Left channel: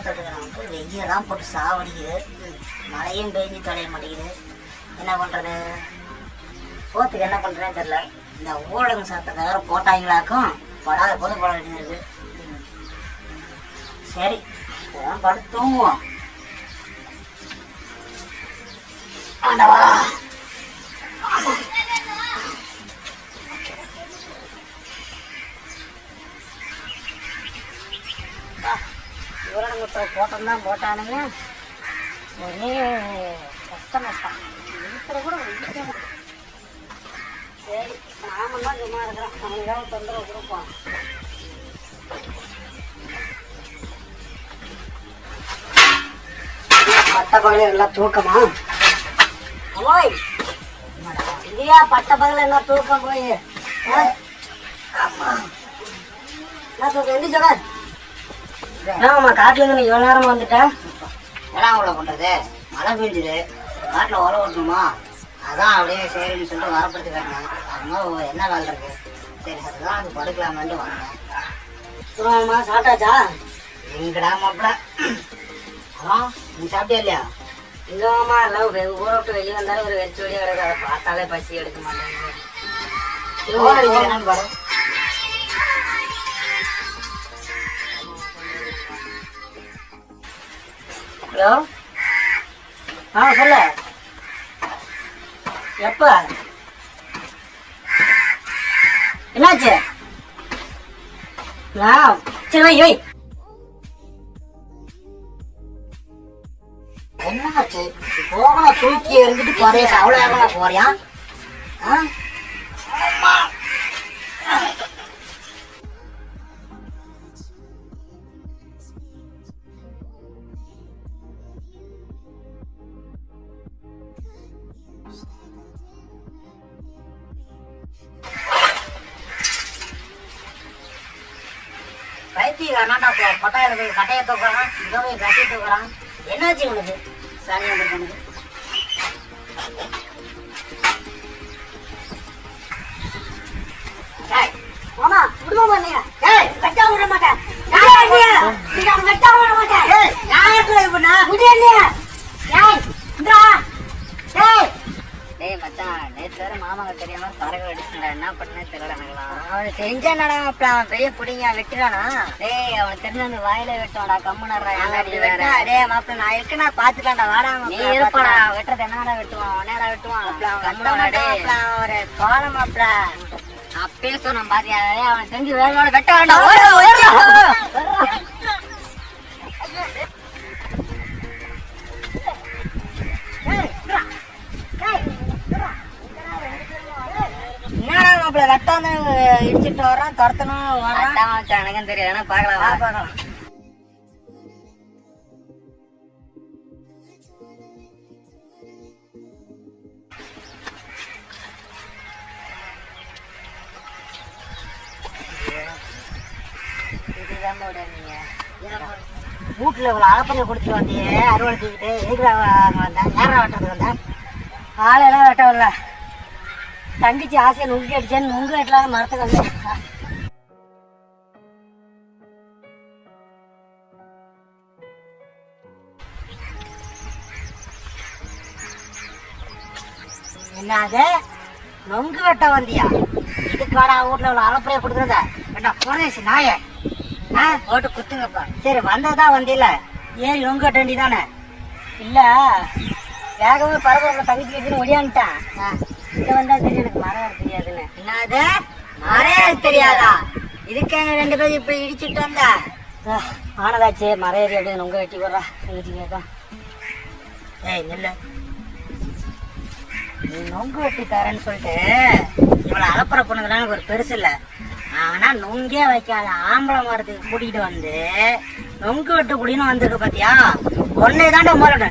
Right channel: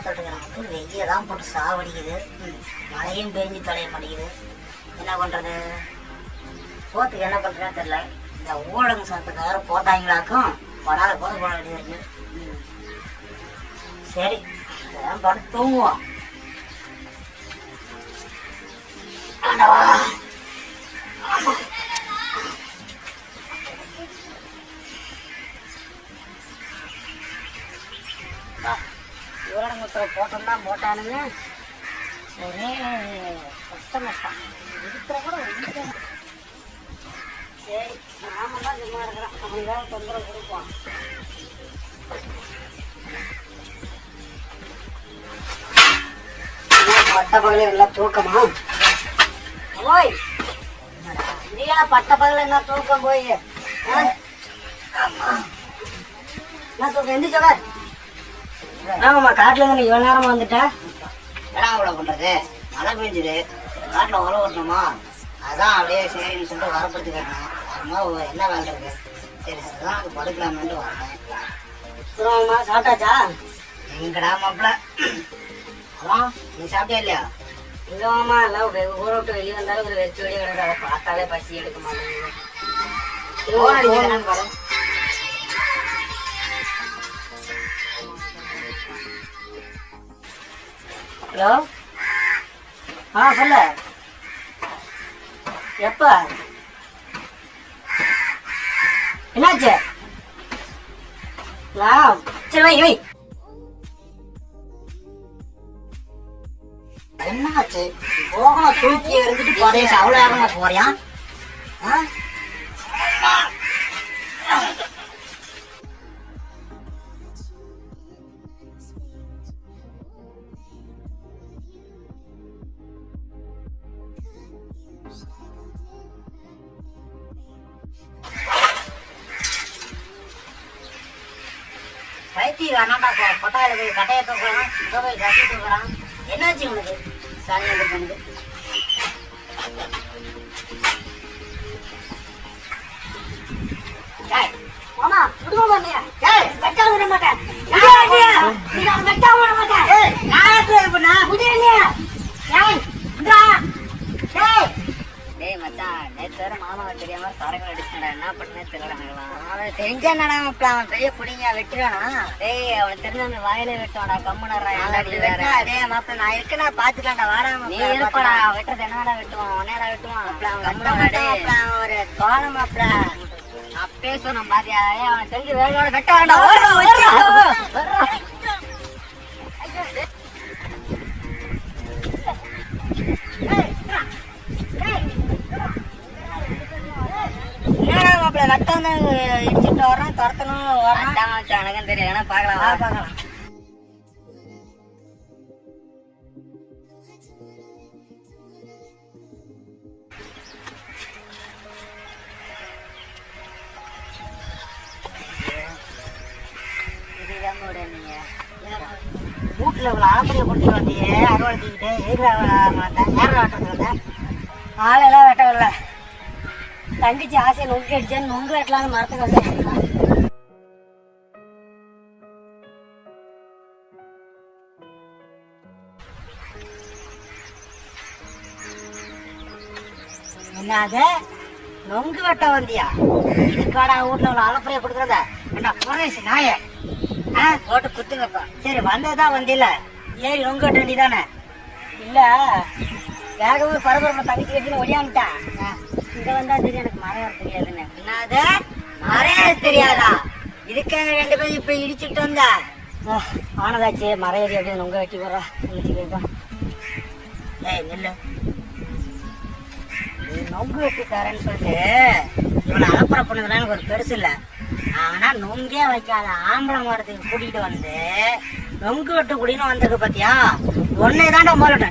கிராமத்துக்கு வெய்யெல்லாம் போட்டு சாவடிக்குது. மழையும் பெஞ்சு தொலைய மாட்டேங்குது. என்ன பண்ணுறது போத்துக்கு என்ன பண்ணுறேன்னு தெரியல. இந்த ஊரடங்கு சட்டத்தை வேறு போட்டாங்களாக்கும் படாத போது போட வேண்டியது ம். சரி படுத்து தூங்குவோம். ஆண்டவா! ஊரடங்கு உத்தரவு போட்டோம் தான் போட்டானுங்க. ஒரே கஷ்டம் கஷ்டம் இருக்கிற கூட சரி நாம தான் சும்மா இருக்கிறோம் அவனுக்காக தொந்தரவு கொடுப்போம் பட்ட பகல எல்லாம் தூக்கமா? போய் இந்தியா பட்ட பகல என்ன தூக்கம் போய்? ஆமா. என்ன தூக்கம்? எந்திரிச்சவன் ஆமாம்மா காட்டுல இருந்து இவ்வளோ நேரமா வந்துட்டேன் என்ன அவ்வளோ பண்ணுறது மழை பெஞ்சுது. காட்டில் உழவு ஓட்டணுமா அதான் அப்படியே சரின்னு சொல்லிட்டு வரப்படுத்து காட்டினேன் அதுமாதிரி என்ன வேலை இருக்கு? சரி அதுதான் அது படுக்கலாமான்ட்டு வரேன். அப்புறமா சாப்பிட்டாச்சா? எங்கடா மாப்பிள? அப்புறம் நீ சாப்பிட்டியா இல்லையா? இல்லைம்மா எல்லாம் வெ- ஊரை விட்டு வெளியே வந்தாலும் ஒரு வெறிச்சு வெளியே கிடக்குது. அதை பார்த்தாலே பசி எடுக்க மாட்டேங்குது. ஹலோ ஆ சொல்லு. எப்ப? என்னாச்சு? ஆ சரி வை வை. என்னாச்சு? போகல தூக்கி எறிஞ்சிட்டு போறேன். அவ்வளோ எவ்வளோ போறியா? ஆ? பைத்தியக்காரனாட்டா போ கொட்டாயில போய் கட்டையை தூக்குறான் இங்கே போய் கத்தி தூக்குறான் என்னாச்சு உனக்கு சரி அந்த பொண்ணுக்கு ஏய், மாமா, விடுங்க மாமா. ஏய், வெட்ட விட மாட்டேன். யார் நீ? நீங்க விட மாட்டேன். யார் இப்ப நான் என்னைய. ஏய், இந்தா. ஏய். மச்சான் நேற்று வேற மாமாவுக்கு தெரியாம தரகு அடிச்சுடா என்ன பண்ணே தெரியல அவனுக்கு தெரிஞ்சா என்னடா மாப்பிள, அவன் பெரிய புடிங்க வெட்டுறானா? டேய் அவனுக்கு தெரிஞ்ச அந்த வாயில வெட்டோடா கம்முனறா ஏன்டா நீ வேற? மாப்பிள, நான் இருக்கேனா பாத்துக்கலாம்டா வாடா நீ இருப்பாடா. வெட்டுறது என்னடா வெட்டுவான் உன்னேடா வெட்டுவான்? அவன் கம்முனடா அவன் ஒரு கோல மாப்பிள. அப்பே சொன்னேன் பாத்தியா ஏய், அவன் தெரிஞ்சு வேலையோட வெட்ட வேண்டாம். இடிச்சிட்டு வர்றான், துரத்தணும் மச்சான், எனக்கும் தெரியும் வேணா பார்க்கலாம். பார்க்கலாம். வீட்டுல இவ்வளவு ஆப்பரைய குடிச்சு வண்டியே அறுவடை தூக்கிட்டு எதிர வந்தேன் நேரம் வெட்டது வந்தேன் காலையெல்லாம் வெட்ட வரல தங்கச்சி ஆசையை நொங்கு அடிச்சேன்னு நொங்கு வெட்டலாம்னு மரத்துக்கு வந்தேன் என்னது? நொங்கு வெட்ட வந்தியா? இதுக்காடா வீட்டுல உள்ள அலப்பறைய கொடுத்துருந்த என்ன புரேஷ் நாய? ஆ? போட்டு குத்துங்கப்பா. சரி வந்ததான் வந்தில? ஏறி நொங்கு வெட்ட வேண்டியதானே? இல்ல. வேகமா பரபரப்பு தங்கச்சி கட்டி ஒடியான்ட்டேன் இங்க வந்தா என்னது மரம் தெரியாதா? இதுக்காக ரெண்டு பேரும் இப்ப இடிச்சுட்டு வந்த? ஆனதாச்சு. மறையாதி அப்படியே நொங்க வெட்டி போடுறா தங்கச்சி கேட்கும் ஏய் நெல்லு. நொங்கு வெட்டி தரேன்னு சொல்லிட்டு இவனை அலப்பறை பண்ணதுலாம் எனக்கு ஒரு பெருசு இல்லை. ஆனா நொங்கே வைக்காத ஆம்பளை மரத்துக்கு கூட்டிகிட்டு வந்து நொங்கு வெட்டு குடின்னு வந்திருக்க பாத்தியா? ஒன்னே தாண்டா முதல்ல